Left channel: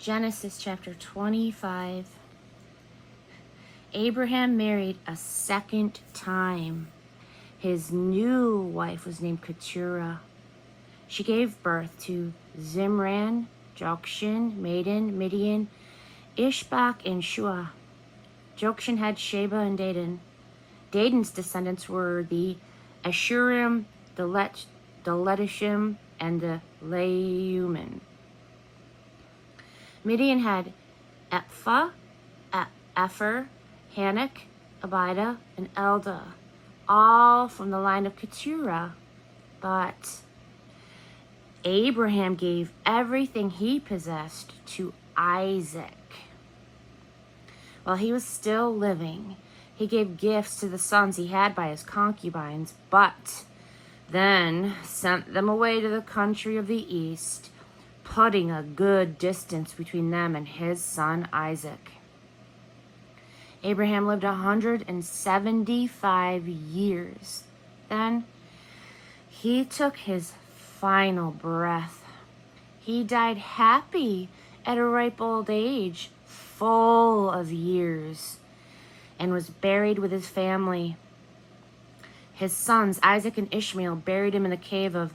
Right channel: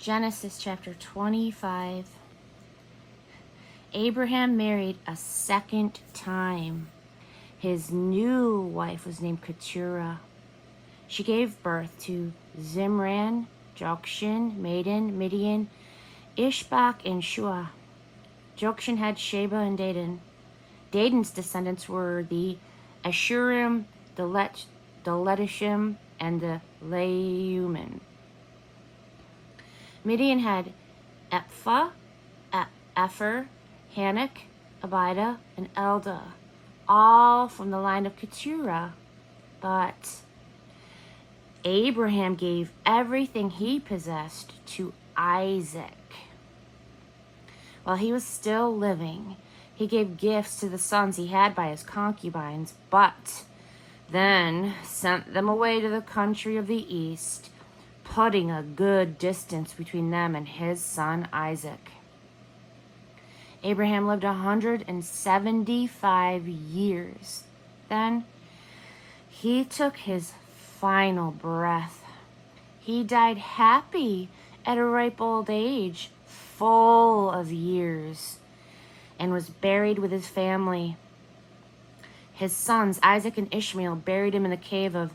Genesis chapter 25. Abraham married a second time. His new wife was named Keturah. She gave birth to Zimran, Jokshan, Medan, Midian, Ishbak, and Shua. Jokshan had Sheba and Dedan. Dedan's descendants were the Ashurim, the Letishim, and the Leumin. Midian had Ephah, Epher, Hanok, Abida, and Eldah, all from the line of Keturah. But Abraham gave everything he possessed to Isaac. While he was still living, he gave gifts to the sons he had by his concubines, but then sent them away to the country of the east, putting a good distance between them and his son Isaac. Abraham lived 175 years. Then he took his final breath. He died happy at a ripe old age, full of years, and was buried with his family. His sons, Isaac and Ishmael, buried him in the cave of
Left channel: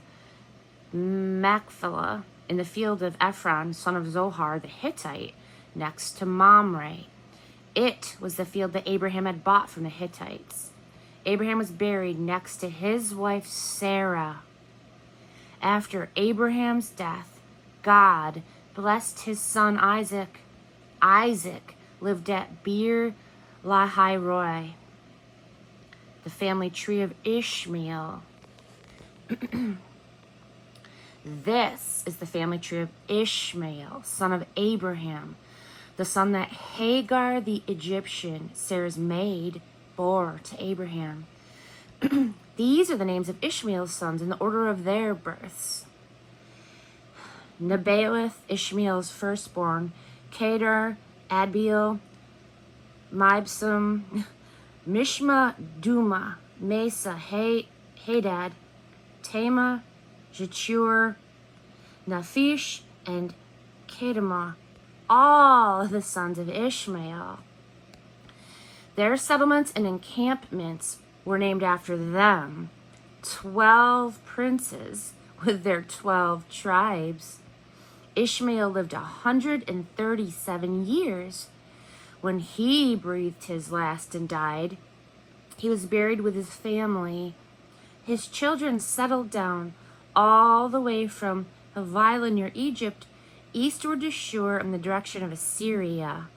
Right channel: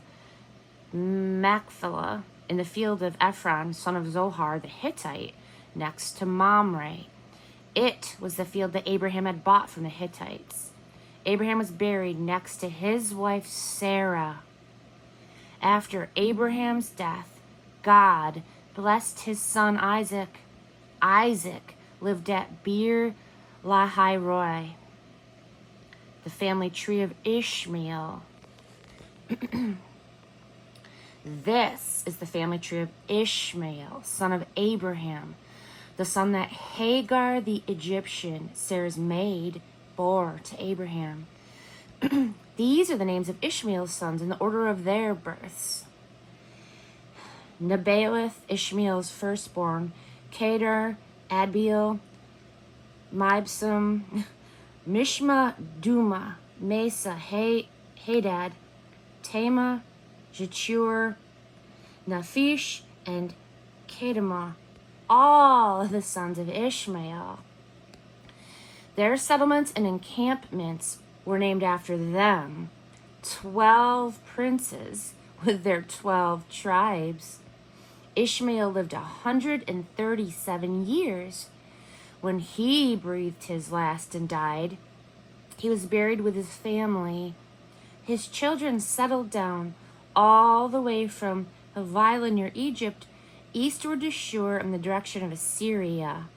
Machpelah in the field of Ephron, son of Zohar the Hittite, next to Mamre. It was the field that Abraham had bought from the Hittites. Abraham was buried next to his wife Sarah. After Abraham's death, God blessed his son Isaac. Isaac lived at Beer Lahai Roi, the family tree of Ishmael. This is the family tree of Ishmael, son of Abraham, the son that Hagar the Egyptian, Sarah's maid, bore to Abraham. These are the names of Ishmael's sons in the order of their births. Nebaioth, Ishmael's firstborn, Kedar, Adbeel, Mibsam, Mishma, Duma, Mesa, Hadad, Tema, Jechur, Naphish, and Kedemah, all of the sons of Ishmael. Their settlements and encampments were named after them, 12 princes with their 12 tribes. Ishmael lived 137 years. When he breathed his last and died, he was buried with his family. His children settled down all the way from Havilah near Egypt, eastward to Shur in the direction of Assyria.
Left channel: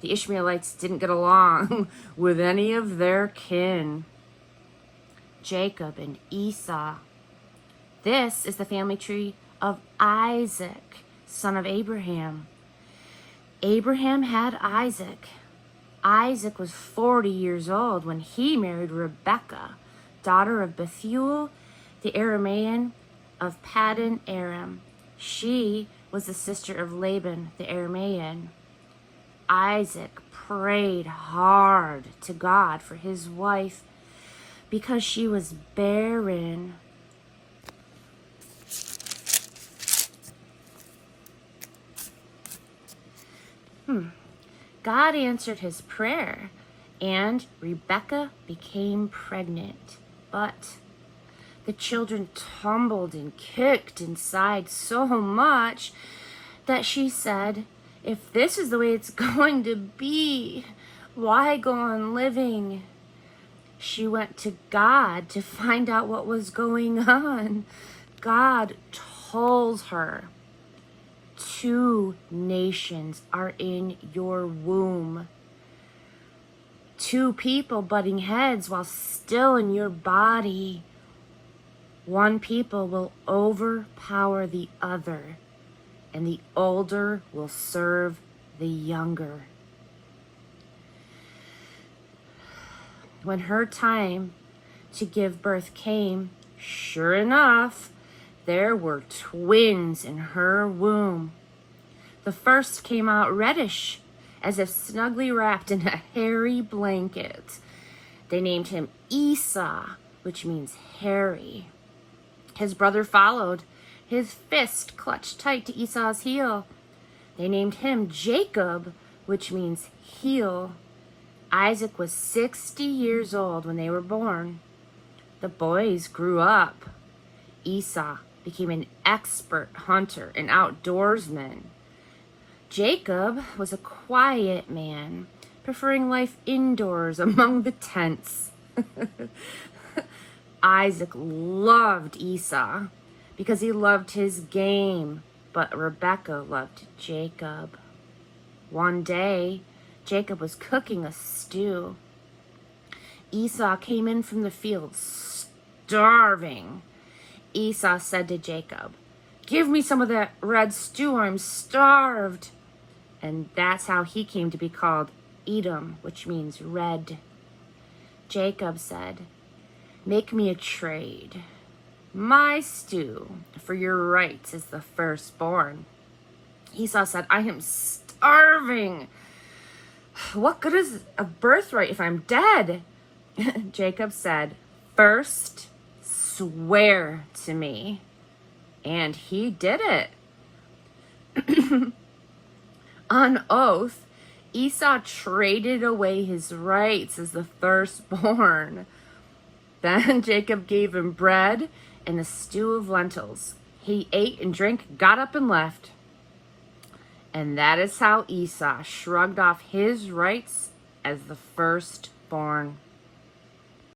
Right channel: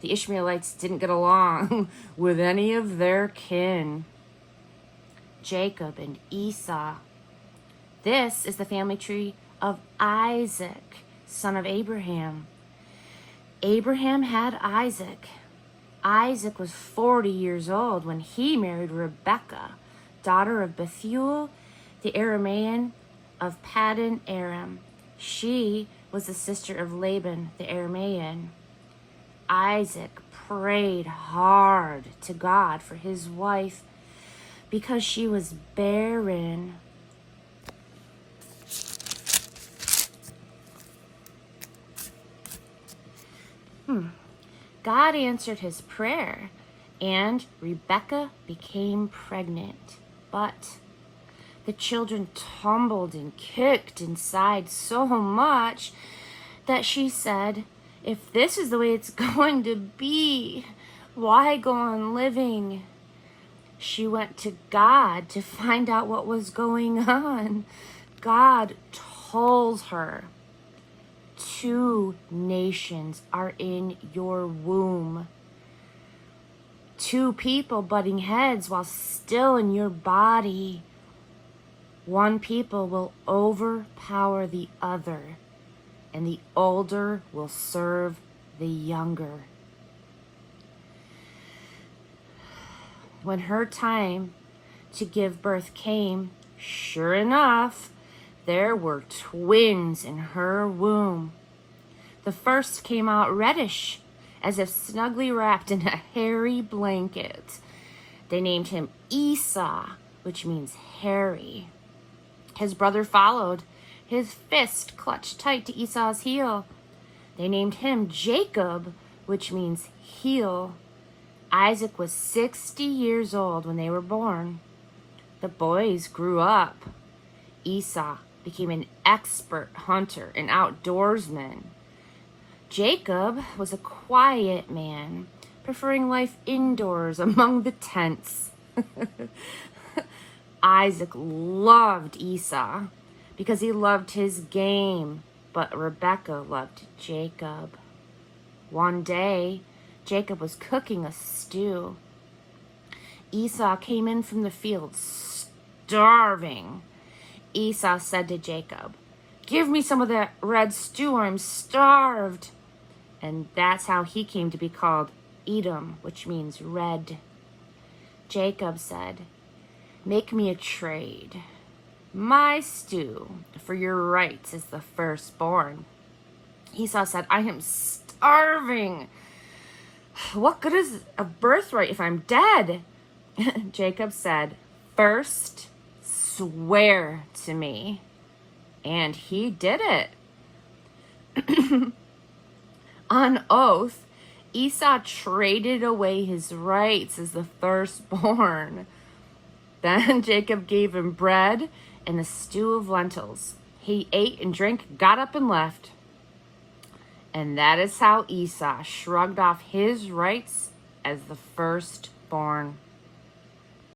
The Ishmaelites didn't get along with any of their kin. Jacob and Esau. This is the family tree of Isaac, son of Abraham. Abraham had Isaac. Isaac was 40 years old when he married Rebekah, daughter of Bethuel, the Aramean of Paddan Aram. She was the sister of Laban, the Aramean. Isaac prayed hard to God for his wife because she was barren. God answered his prayer, and Rebekah became pregnant. But the children tumbled and kicked inside so much that she said, "If this is the way it's going to be, why go on living?" She went to God to find out what was going on. God told her, "2 nations are in your womb. 2 people butting heads while still in your body. 1 people will overpower the other, and the older will serve the younger." When her time to give birth came, sure enough, there were twins in her womb. The first came out reddish, as if snugly wrapped in a hairy blanket. They named him Esau, which means hairy. His brother followed, his fist clutched tight to Esau's heel. They named him Jacob, which means heel. Isaac was 60 years old when they were born. The boys grew up. Esau became an expert hunter and outdoorsman. Jacob was a quiet man, preferring life indoors among the tents. Isaac loved Esau because he loved his game, but Rebekah loved Jacob. One day, Jacob was cooking a stew. Esau came in from the field starving. Esau said to Jacob, "Give me some of that red stew, I'm starved." And that's how he came to be called Edom, which means red. Jacob said, "Make me a trade. My stew for your rights as the firstborn." Esau said, "I am starving. What good is a birthright if I'm dead?" Jacob said, "First, swear to me." And he did it. On oath, Esau traded away his rights as the firstborn. Then Jacob gave him bread and a stew of lentils. He ate and drank, got up and left. And that is how Esau shrugged off his rights as the firstborn.